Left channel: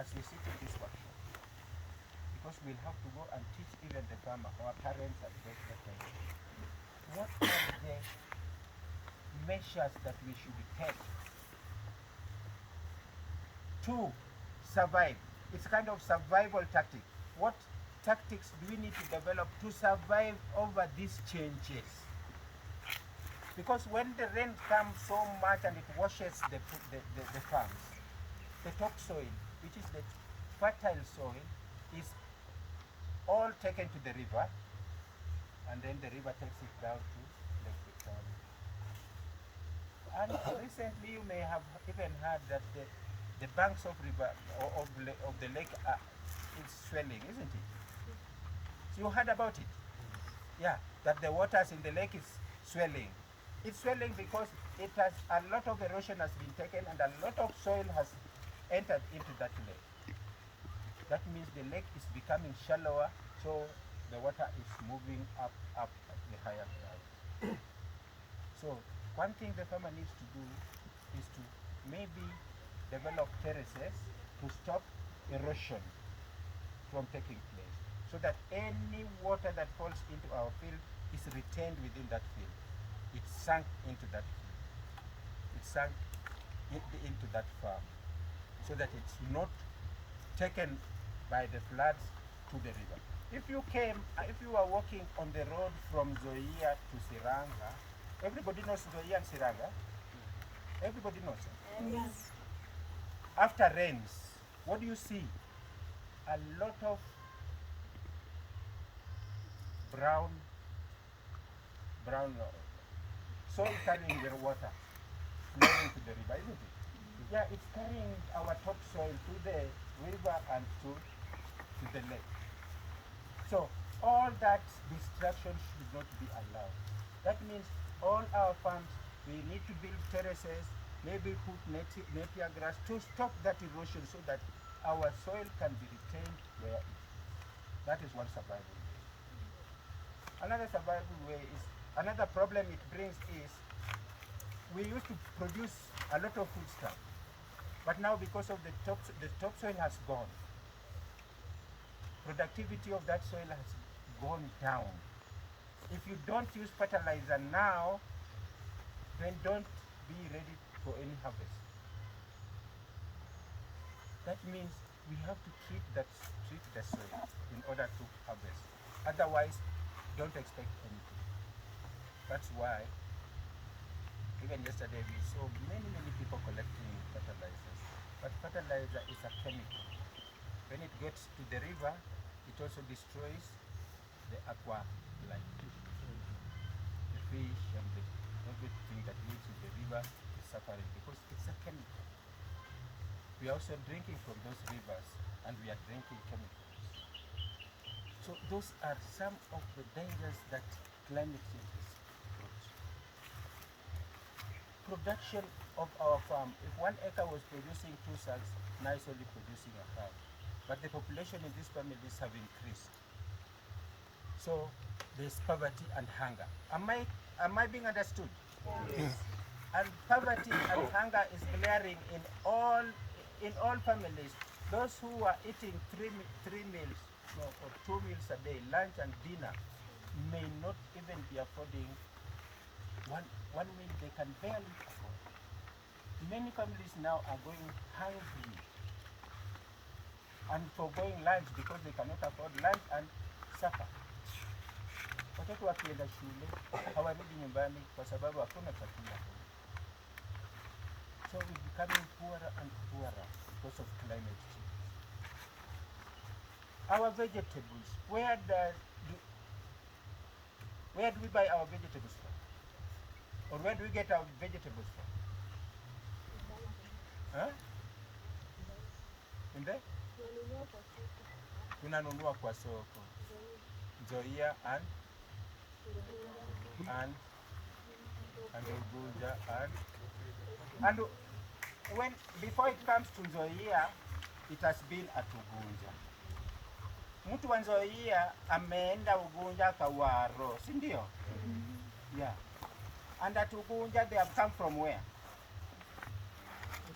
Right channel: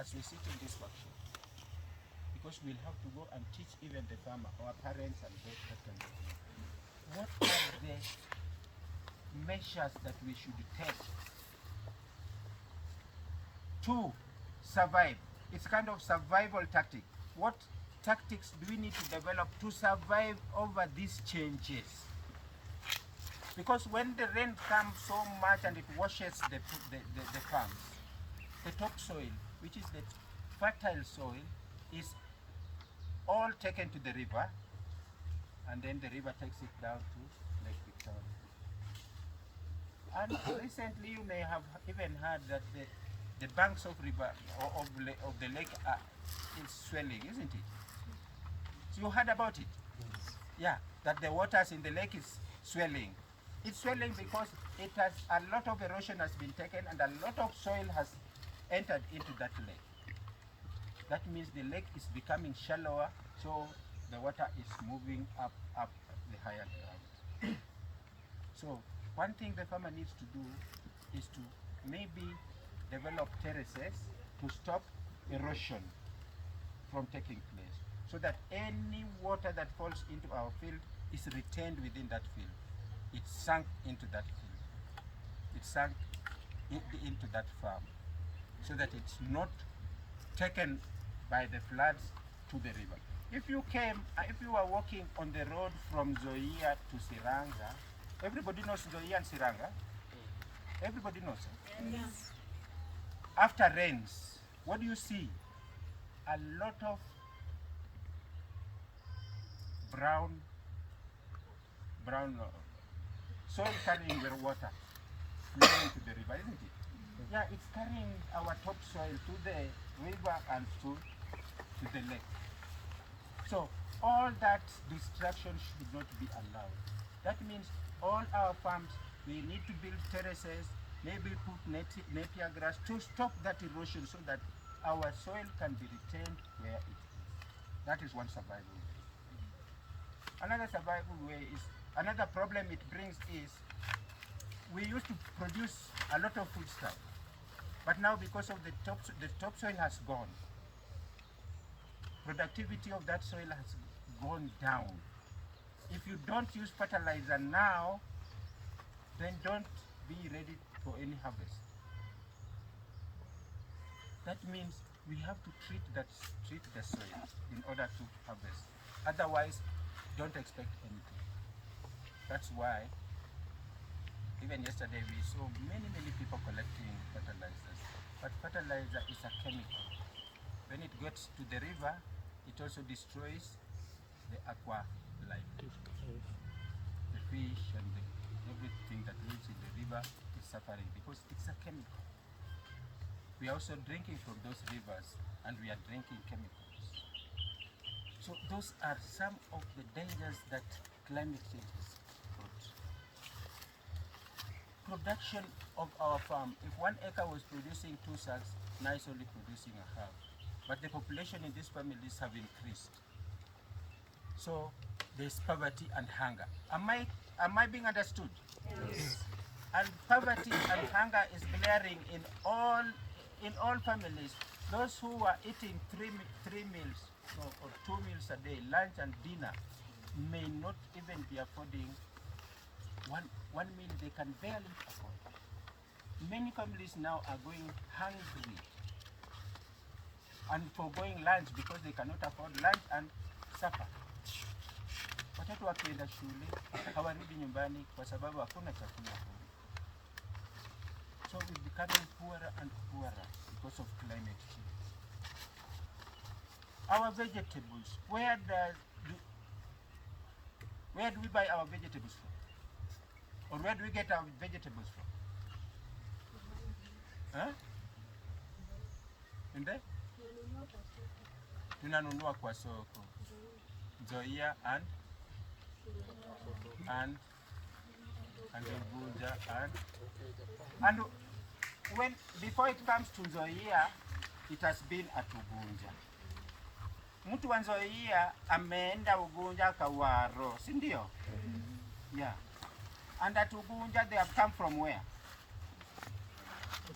as we sit in this workshop, because we'll have to go and teach even the farmer, our parents and those that kind of thing. What are the measures that we should take to survive? It's kind of survival tactic. What tactics do we need to develop to survive over these changes? Because when the rain comes so much and it washes the farms, the topsoil, which is the fertile soil, is all taken to the river, and then the river takes it down to Lake Victoria. And recently you may have even heard that the banks of river of the lake is swelling, isn't it? So you heard about it? Yeah, that the waters in the lake is swelling. It's swelling because it has a lot of erosion has been taken and a lot of soil has entered into that lake. That means the lake is becoming shallower, so the water is moving up the higher ground. So one thing the farmer needs to do is to maybe develop terraces to stop erosion from taking place, so that any water that falls into our field is retained within that field. It's sunk into that field. It's sunk into that farm, so that it's not taken by the floods to the river. If you were walking on the road from Zoia to Siranga, everybody knows Zoia and Siranga? Everybody knows it? Yes. After rains, what do you see? A lot of brown soil carrying the water flowing to the river, isn't it? Yeah, it's carrying our topsoil to the river and to the lake. So all that destruction should not be allowed. That means all our farms, we need to build terraces, maybe put napier grass to stop that erosion, so that our soil can be retained where it is. That is one survival way. Another survival way is, another problem it brings is, we used to produce a lot of food stuff, but now because of the topsoil has gone, productivity of that soil has gone down. If you don't use fertilizer now, then don't be ready for any harvest. That means we have to treat the soil in order to harvest. Otherwise, don't expect anything. That's why even yesterday we saw many people collecting fertilizers. But fertilizer is a chemical. When it gets to the river, it also destroys the aqua life. The fish and everything that lives in the river is suffering because it's a chemical. We are also drinking from those rivers, and we are drinking chemicals. So those are some of the dangers that climate change has brought. Production of our farm, if 1 acre was producing 2 sacks, now it's only producing a half. But the population in these families have increased. So there's poverty and hunger. Am I being understood? Yes. And poverty and hunger is glaring in all families. Those who are eating three meals or 2 meals a day, lunch and dinner, may not even be affording one meal they can barely afford. Many families now are going hungry and foregoing lunch because they cannot afford lunch and supper. Watoto wakienda shule hawarudi nyumbani kwa sababu hakuna chakula. So we're becoming poorer and poorer because of climate change. Our vegetables, where do we buy our vegetables from? Or where do we get our vegetables from? Huh? In there? Tunanunua kwa soko. Zoia and Ugunja and when before it comes to Zoia, it has been at Ugunja. Mtu wa Zoia ameenda Ugunja Kawaro, si ndio? Yeah. And at Ugunja they have come from where?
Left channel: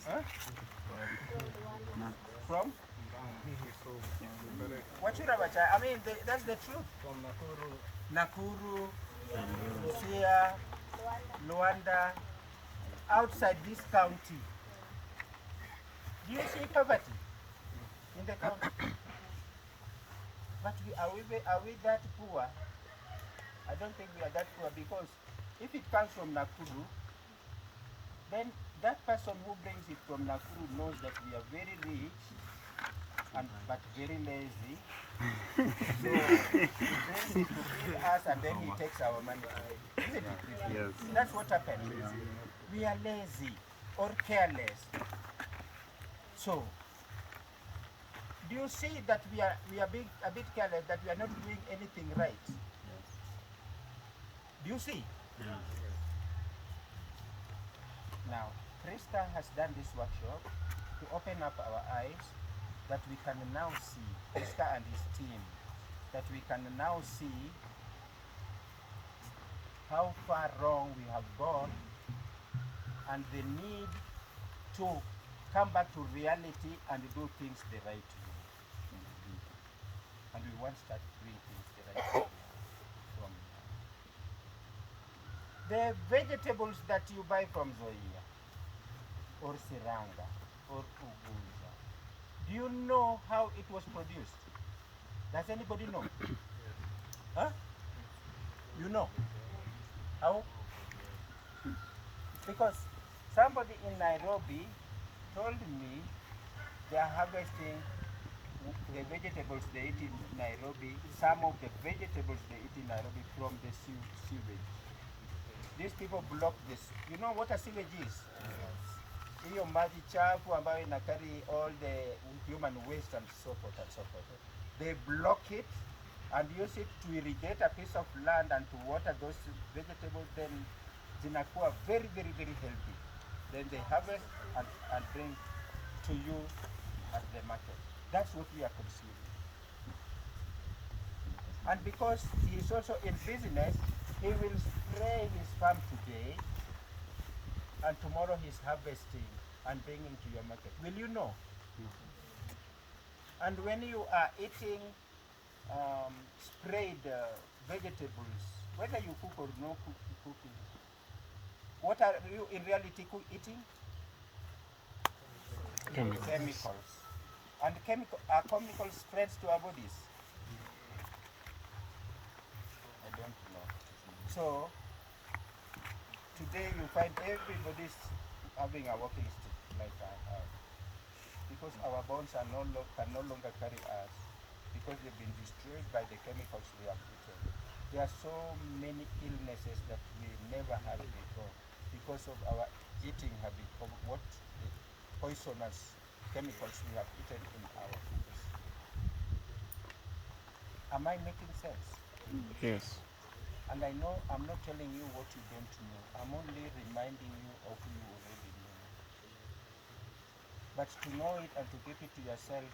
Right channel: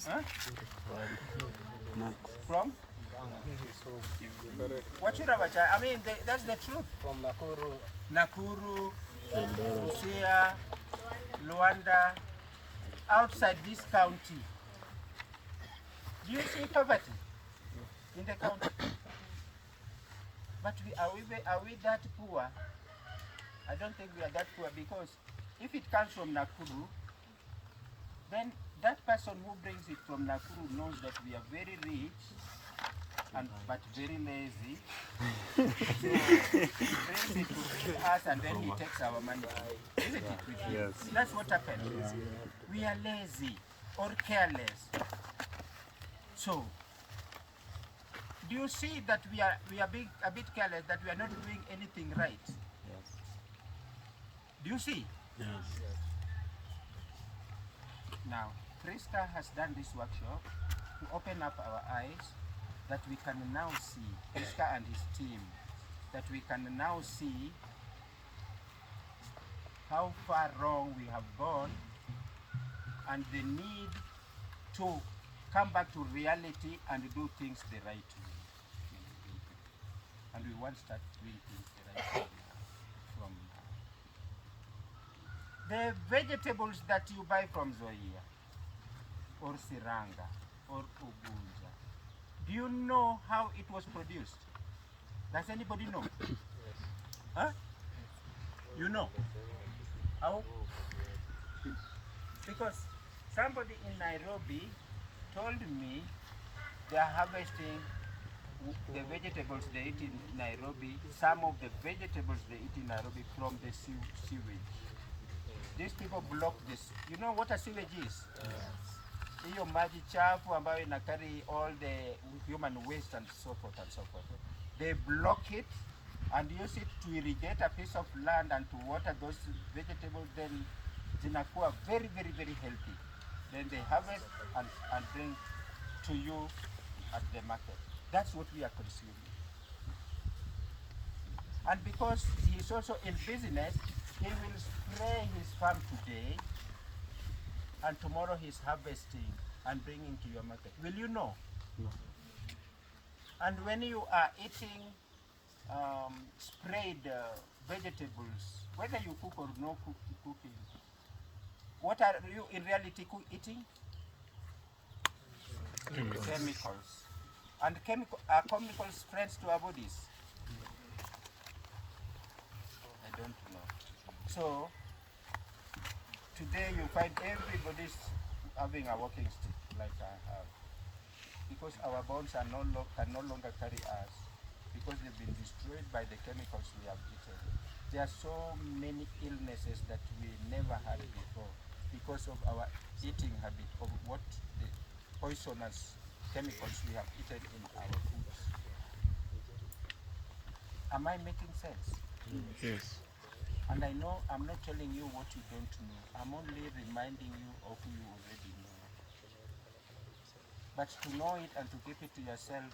Huh? From Wachurabacha, I mean, that's the truth. From Nakuru, Siaya, Luanda, outside this county. Do you see poverty in the county? But are we that poor? I don't think we are that poor, because if it comes from Nakuru, then that person who brings it from Nakuru knows that we are very rich but very lazy. So he brings it to feed us and then he takes our money. Isn't it? Yes. That's what happened. We are lazy or careless. So do you see that we are being a bit careless, that we are not doing anything right? Yes. Do you see? Yes. Now, Priska has done this workshop to open up our eyes, that we can now see, Priska and his team, that we can now see how far wrong we have gone and the need to come back to reality and do things the right way. And we want to start doing things the right way from now. The vegetables that you buy from Zoia, or Siranga, or Ugunja, do you know how it was produced? Does anybody know? Huh? You know? How? Because somebody in Nairobi told me they are harvesting the vegetables they eat in Nairobi, some of the vegetables they eat in Nairobi from the sewage. These people block this. You know what a sewage is? Hiyo maji chafu ambayo ina carry all the human waste and so forth and so forth. They block it and use it to irrigate a piece of land and to water those vegetables, then zinakuwa very, very, very healthy. Then they harvest and bring to you at the market. That's what we are consuming. And because he is also in business, he will spray his farm today, and tomorrow he's harvesting and bringing to your market. Will you know? Yes. And when you are eating sprayed vegetables, whether you cook or no cooking, what are you in reality eating? Chemicals. And are chemicals friends to our bodies? I don't know. So today you find everybody's having a walking stick like I have, because our bones can no longer carry us, because they've been destroyed by the chemicals we have eaten. There are so many illnesses that we never had before because of our eating habit, of what the poisonous chemicals we have eaten in our foods. Am I making sense? Yes. And I know I'm not telling you what you don't know. I'm only reminding you of who you already know. But to know it and to keep it to yourself,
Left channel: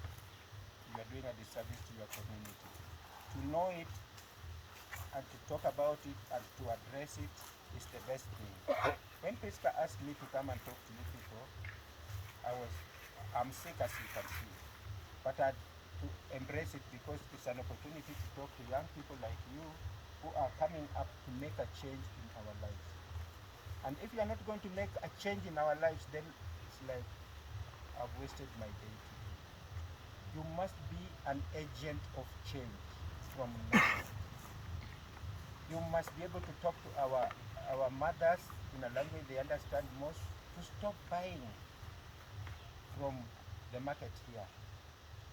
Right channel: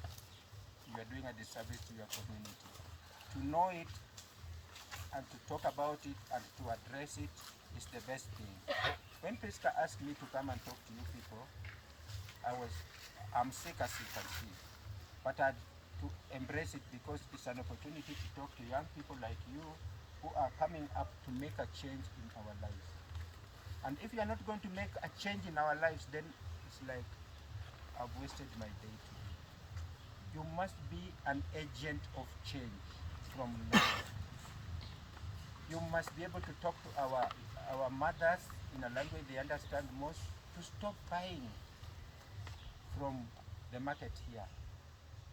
you are doing a disservice to your community. To know it and to talk about it and to address it is the best thing. When Priska asked me to come and talk to you people, I'm sick as you can see. But I had to embrace it because it's an opportunity to talk to young people like you who are coming up to make a change in our lives. And if you are not going to make a change in our lives, then it's like I've wasted my day today. You must be an agent of change from now. You must be able to talk to our mothers in a language they understand most, to stop buying from the market here.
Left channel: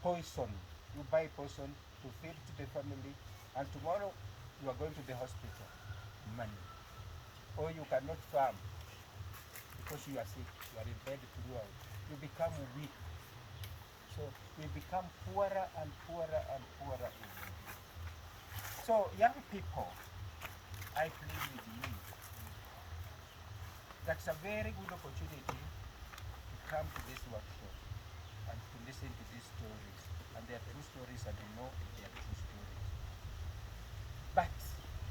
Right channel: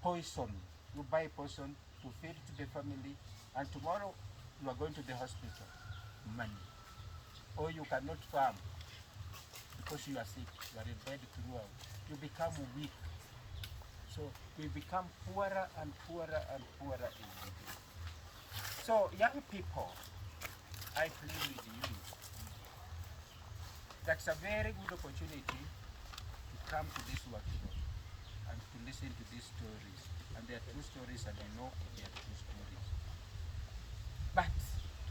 Poison. You buy poison to feed the family, and tomorrow you are going to the hospital. Money. Or you cannot farm because you are sick. You are in bed throughout. You become weak. So we become poorer and poorer and poorer every day. So young people, I plead with you. That's a very good opportunity to come to this workshop and to listen to these stories. And they are true stories, and you know they are true stories. But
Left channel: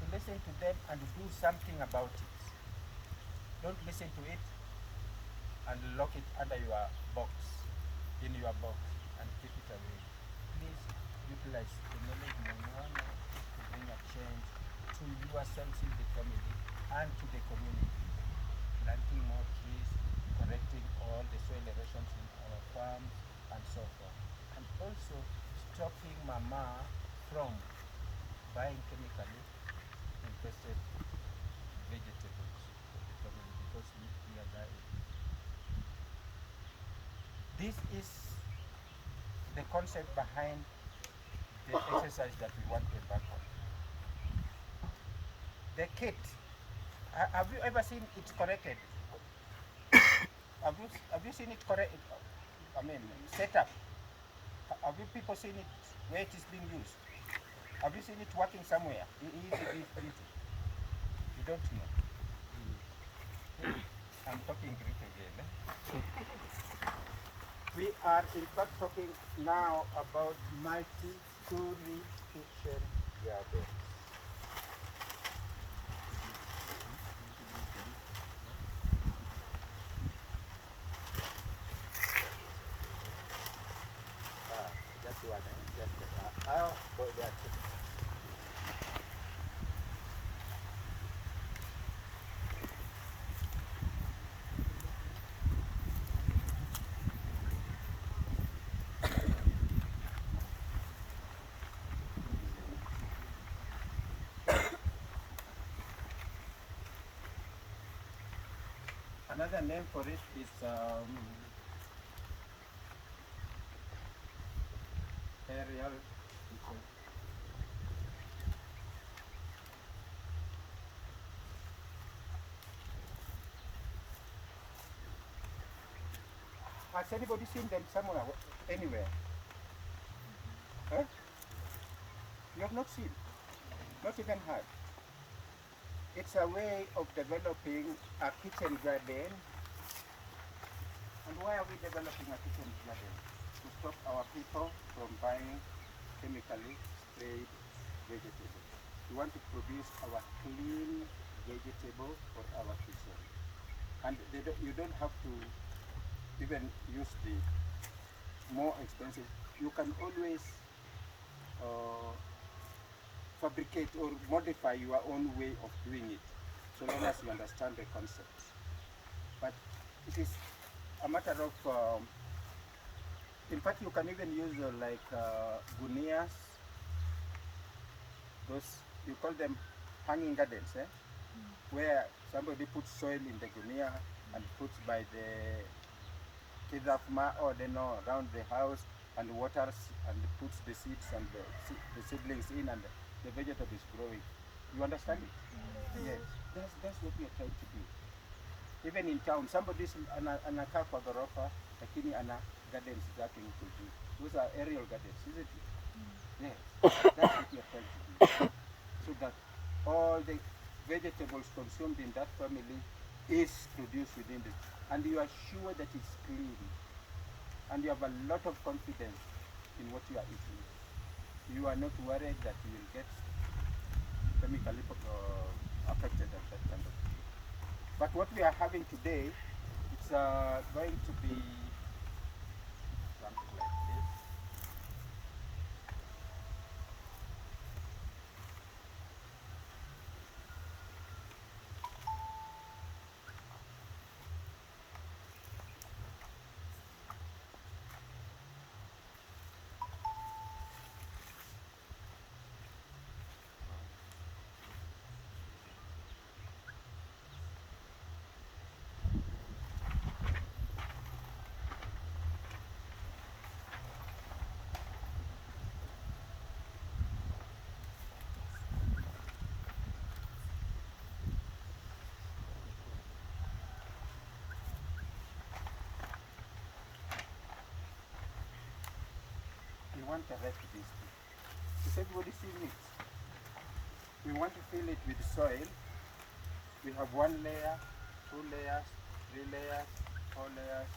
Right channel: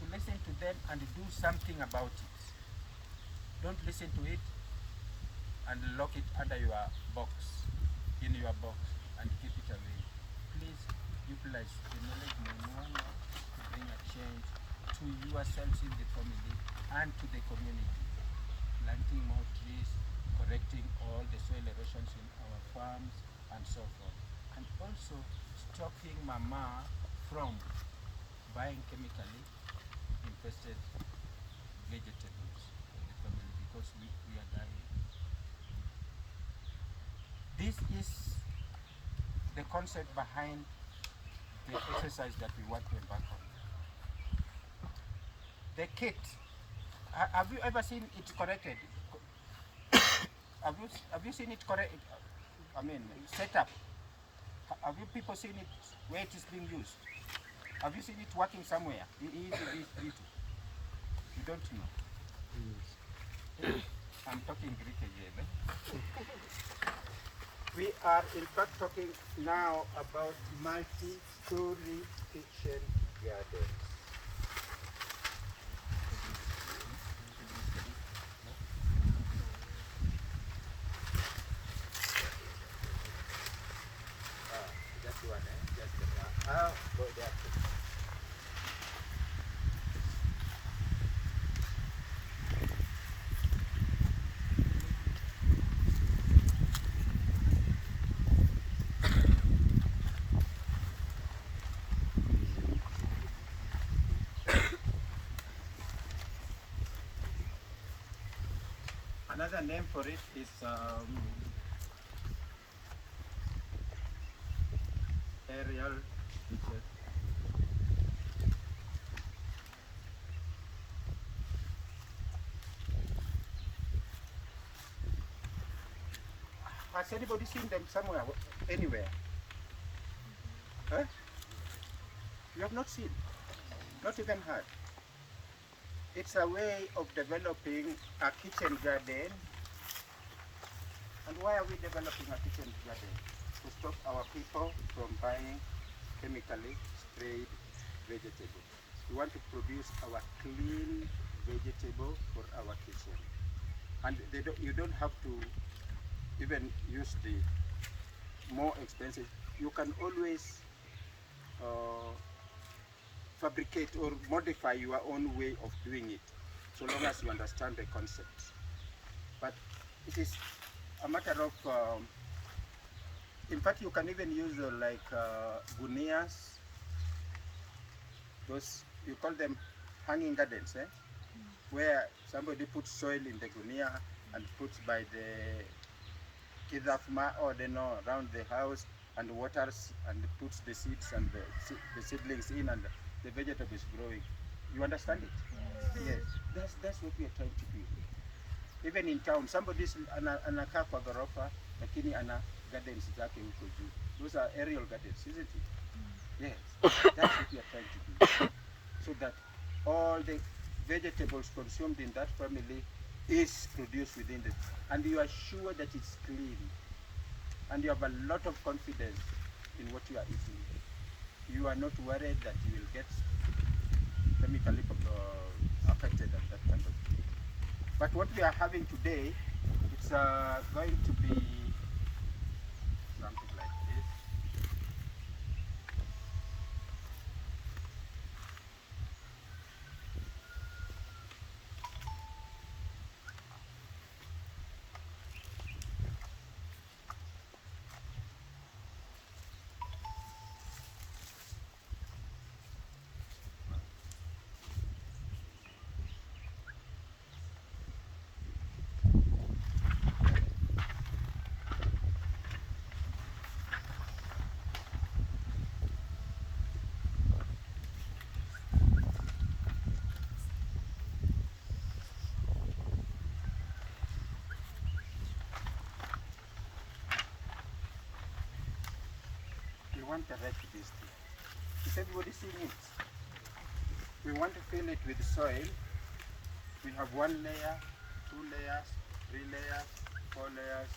to listen to them and do something about it. Don't listen to it and lock it under your box, in your box, and keep it away. ourselves in the family and to the community, planting more trees, correcting all the soil erosions in our farms and so forth, and also stopping mama from buying chemically infested vegetables for the family because we are dying. This is the concept behind the exercise that we want to embark on. The kit, have you ever seen it corrected? Have you seen it correct? I mean, set up. Have you people seen it where it is being used? Have you seen it working somewhere? You don't know. I'm talking Greek again. We are in fact talking now about multi-story kitchen gardens. Just one, just boy, they are two. Another name for it is aerial kitchen. Has anybody seen them somewhere, anywhere? Huh? You have not seen, not even heard. It's a way of developing a kitchen garden. And why are we developing a kitchen garden? To stop our people from buying chemically sprayed vegetables. We want to produce our clean vegetable for our kitchen. And you don't have to even use the more expensive. You can always fabricate or modify your own way of doing it, so long as you understand the concept. But it is a matter of, in fact, you can even use like gunias, those, you call them hanging gardens, where somebody puts soil in the gunia and puts by the kidafma or around the house and waters and puts the seeds and the seedlings in, and the vegetable is growing. You understand it? Yes. That's what we are trying to do. Even in town, somebody's anakaa kwa ghorofa lakini ana gardens zake huko juu. Those are aerial gardens, isn't it? Yes. That's what we are trying to do. So that all the vegetables consumed in that family is produced within it. And you are sure that it's clean. And you have a lot of confidence in what you are eating. You are not worried that you will get chemically affected and that kind of thing. But what we are having today, it's going to be something like this. We want to erect this thing. Is everybody seeing it? We want to fill it with soil. We have 1 layer, 2 layers, 3 layers, 4 layers.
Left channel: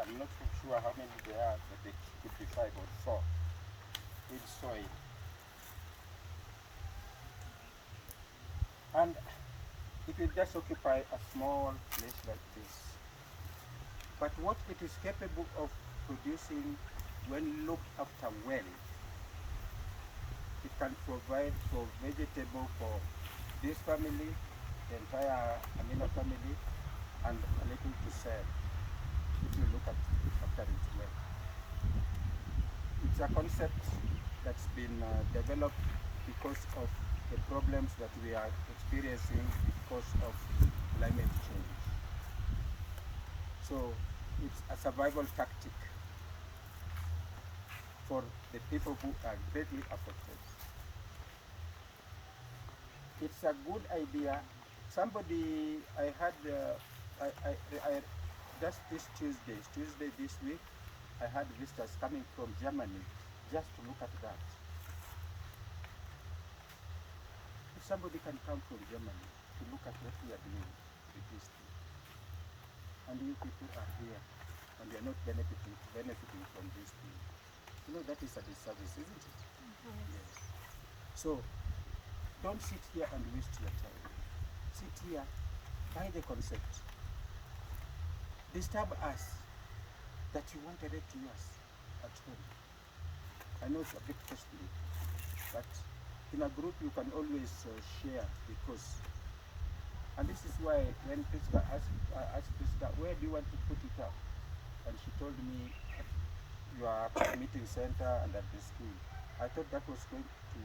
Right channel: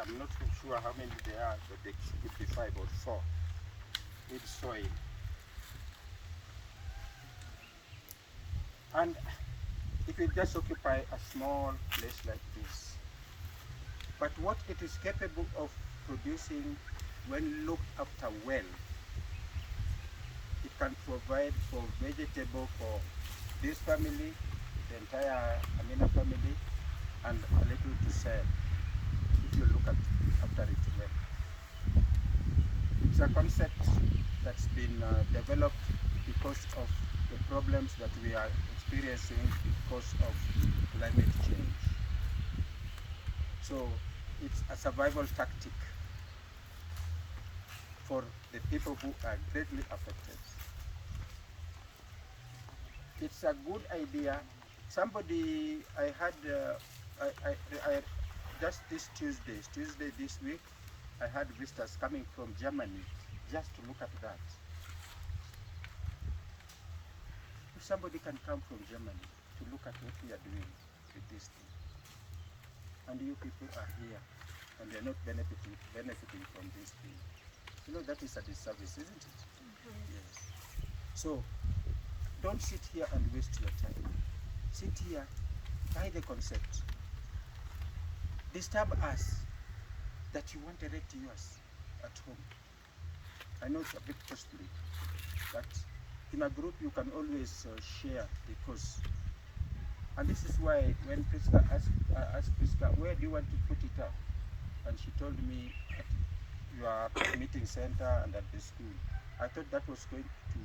I'm not sure how many there are, but they could be 5 or 4 with soil. And it will just occupy a small place like this. But what it is capable of producing when looked after well, it can provide for vegetable for this family, the entire Amina family, and a little to sell, if you look at after it well. It's a concept that's been developed because of the problems that we are experiencing because of climate change. So it's a survival tactic for the people who are greatly affected. It's a good idea. Somebody, I had, I just this Tuesday this week, I had visitors coming from Germany just to look at that. If somebody can come from Germany to look at what we are doing with this thing, and you people are here, and you're not benefiting from this thing, you know that is a disservice, isn't it? Yes. So don't sit here and waste your time. Sit here, buy the concept. Disturb us that you want to erect yours at home. I know it's a bit costly, but in a group you can always share, because, and this is why when Priska asked Priska, where do you want to put it up? And she told me at your meeting center and at the school. I thought that was going to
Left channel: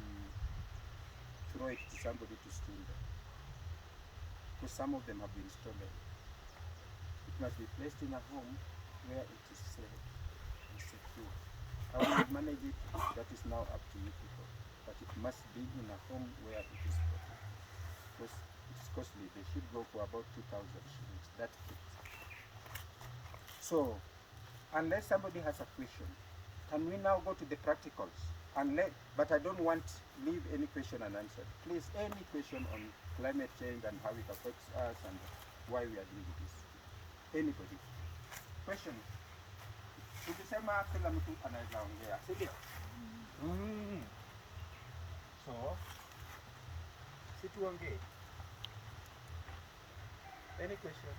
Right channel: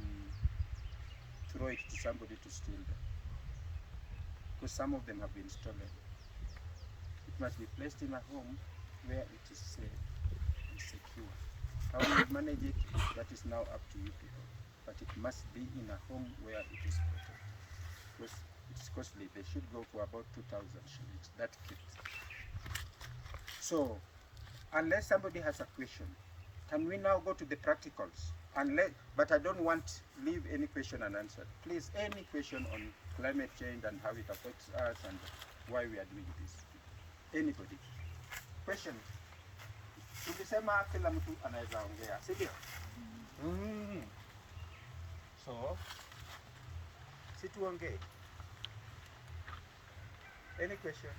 throw it to somebody to steal them, because some of them have been stolen. It must be placed in a home where it is safe and secure. How we manage it, that is now up to you people. But it must be in a home where it is protected. Because it's costly. They should go for about 2,000 shillings, that kit. So, unless somebody has a question, can we now go to the practicals? But I don't want leave any question unanswered. Please, any question on climate change and how it affects us and why we are doing this. Anybody? Questions? Tukisema kila mtu anaweza ongea, si ndio? So, si tuongee. Any question?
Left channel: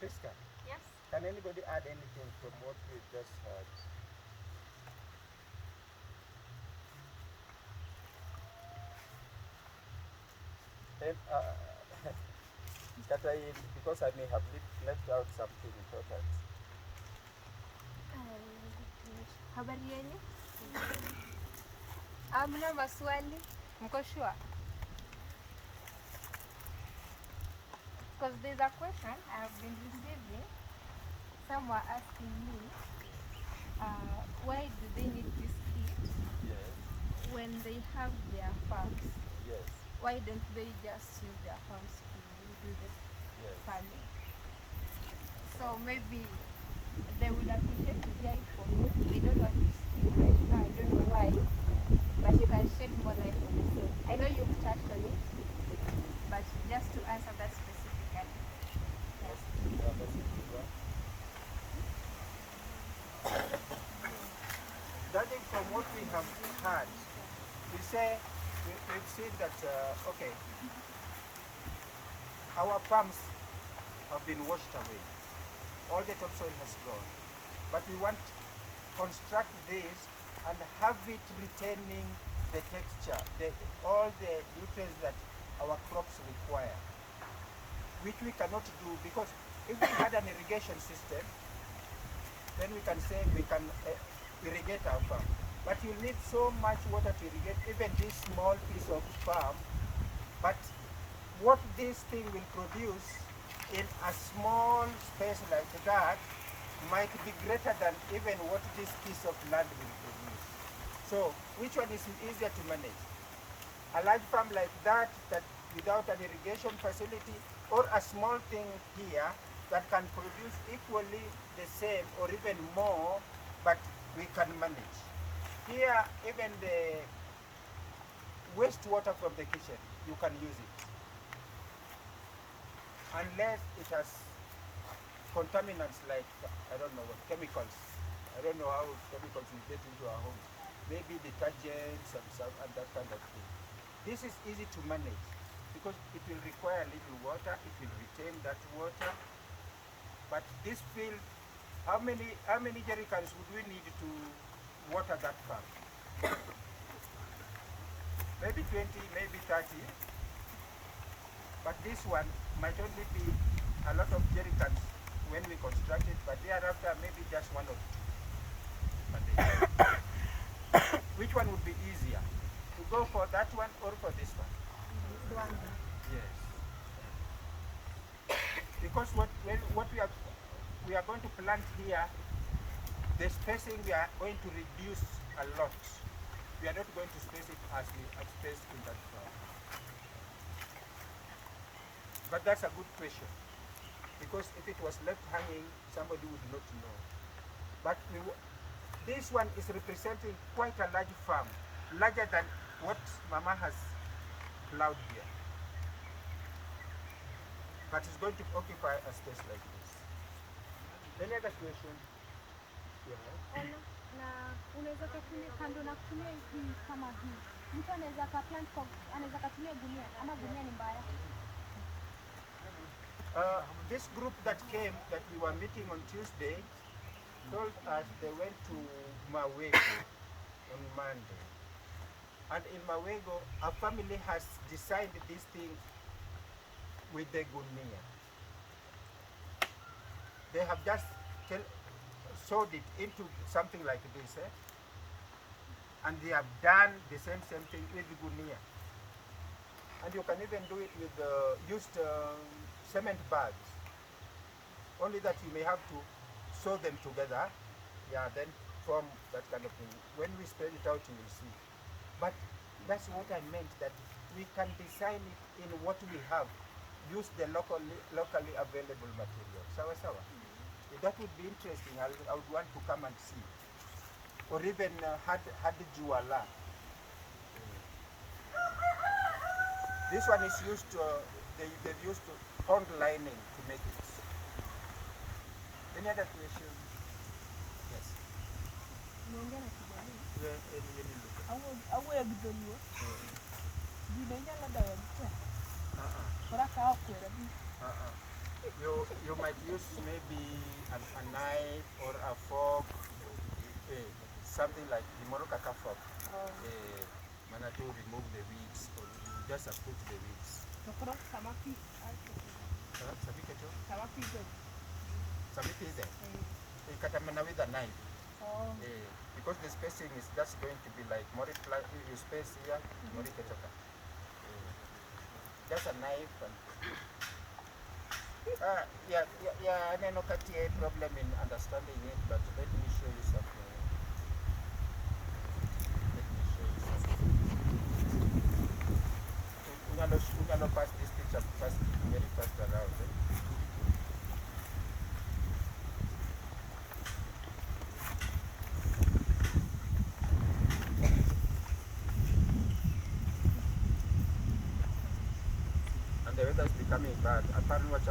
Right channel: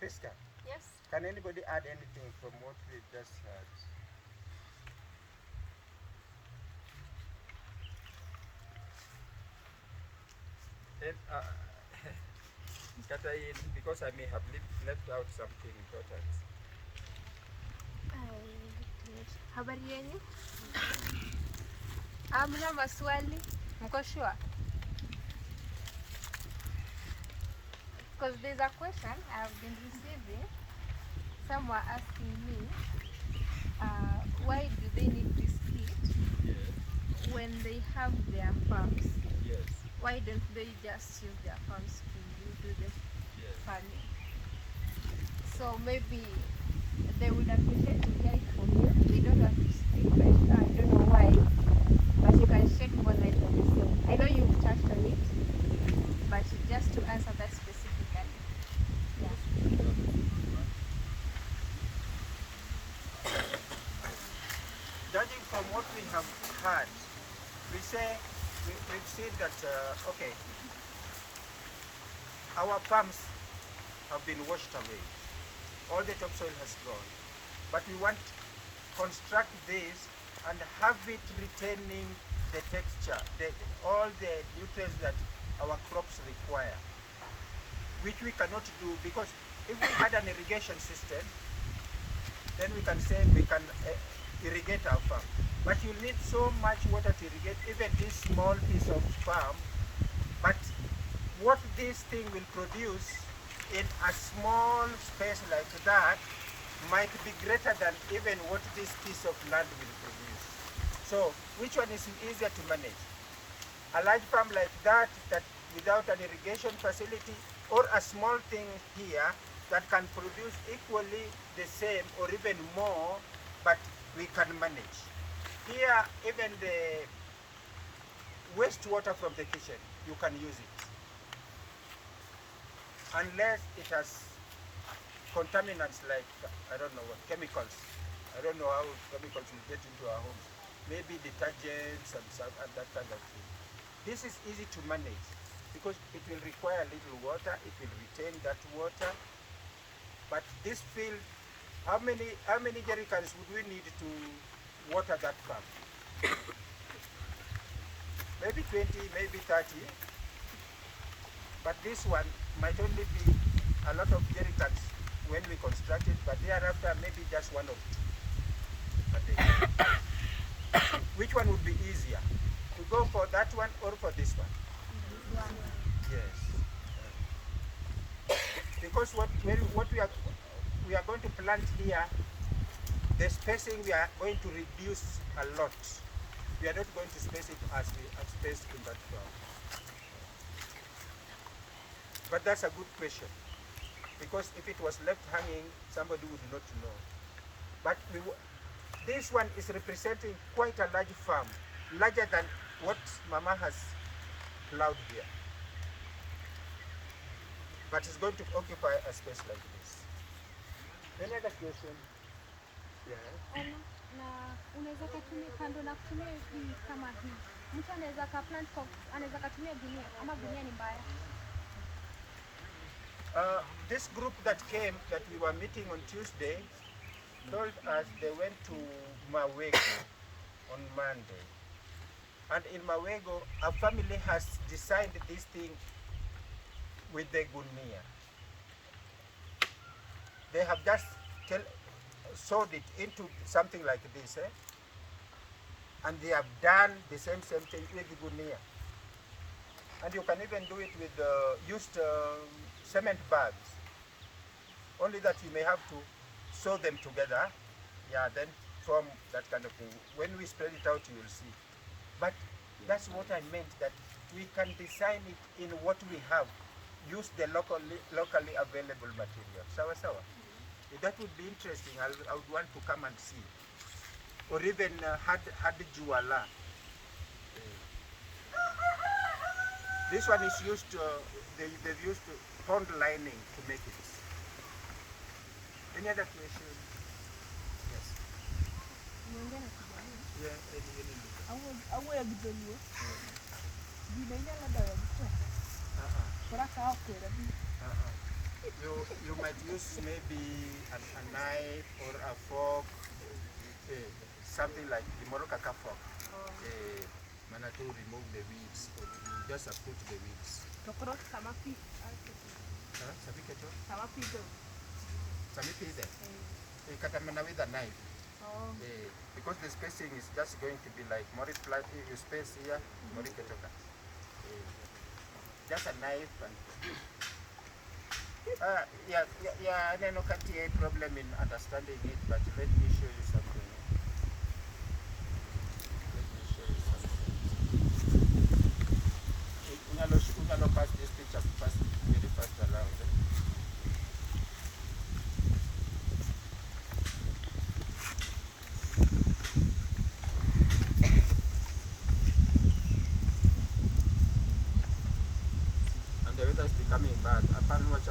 Priska? Yes. Can anybody add anything from what we just heard? And, because I may have left out something important. Habari yenyu? Hamna maswali? Mko sure? Because there's a question I've been receiving. Some were asking me, why do they need this kit? Yes. When they have their farms? Yes. Why don't they just use their farms to do this farming? So maybe they would appreciate to hear it from you. They don't have to speak right now. I don't know why, but you can shed more light on this thing. I know you've touched on it, but just to answer that specifically. Judging from what we have heard, we've seen that, okay, our farms have been washed away. All the topsoil has gone. But we want to construct this and have it retaining the texture, all the nutrients that our crops require, which we cannot do, because if we had an irrigation system, then we can say we can irrigate our farm. But you need so much water to irrigate even this small piece of farm. But what this thing will produce in a small space like that might be greater than even what this piece of land will produce. So which one is easier to manage? A large farm like that without an irrigation facility, or a small thing here that can produce equally the same or even more, but we can manage. Here, even the wastewater from the kitchen, you can use it. Unless it has contaminants like, I don't know what, chemicals. I don't know how chemicals will get into our homes. Maybe detergents and that kind of thing. This is easy to manage because it will require a little water, it will retain that water. But this field, how many jerrycans would we need to water that farm? maybe 20, maybe 30. But this one might only be a lot of jerrycans when we construct it, but thereafter maybe just one or two a day. Which one would be easier? To go for that one or for this one? This one. Yes. Because what we are going to plant here, the spacing we are going to reduce a lot. We are not going to space it as we spaced in that one. But that's a good question. Because if it was left hanging, somebody would not know. But this one is representing quite a large farm, larger than what Mama has plowed here. But it's going to occupy a space like this. Any other question? Yeah. Na unaweza katumia kando na kutumia hii kama hii. Mtu anaweza ka plant for, anaweza katumia gunia ama gunia ni mbaya. This group that came, that we were meeting on Tuesday, told us they went to Mawego on Monday. And in Mawego, a family has designed this thing with the gunia. They have just sewed it into something like this, eh? And they have done the same thing with the gunia. And you can even do it with used cement bags. Only that you may have to sew them together, yeah, then form that kind of thing. When we spread it out, you will see. But that's what I meant, that we can design it in what we have. Use the locally available material. Sawa sawa. That would be interesting. I would want to come and see. Or even had juala. This one is used to, they've used pond lining to make it. Any other question? Yes. Yeah, Awe agdolio. Dinenya la dawa kwa. Kora ka kwera bi. You might use maybe a knife or a fork, something like the Morocco fork. To remove the weeds, or you just uproot the weeds. Nokoro samaki. Samaki go. Samaki is there. Katamana with a knife. Because the spacing is just going to be like multiply. You space here, just a knife and. I don't know a problem in understanding it, but let me show you something. We're gonna pass this picture very fast around. And the weather is becoming bad. Apparently, what's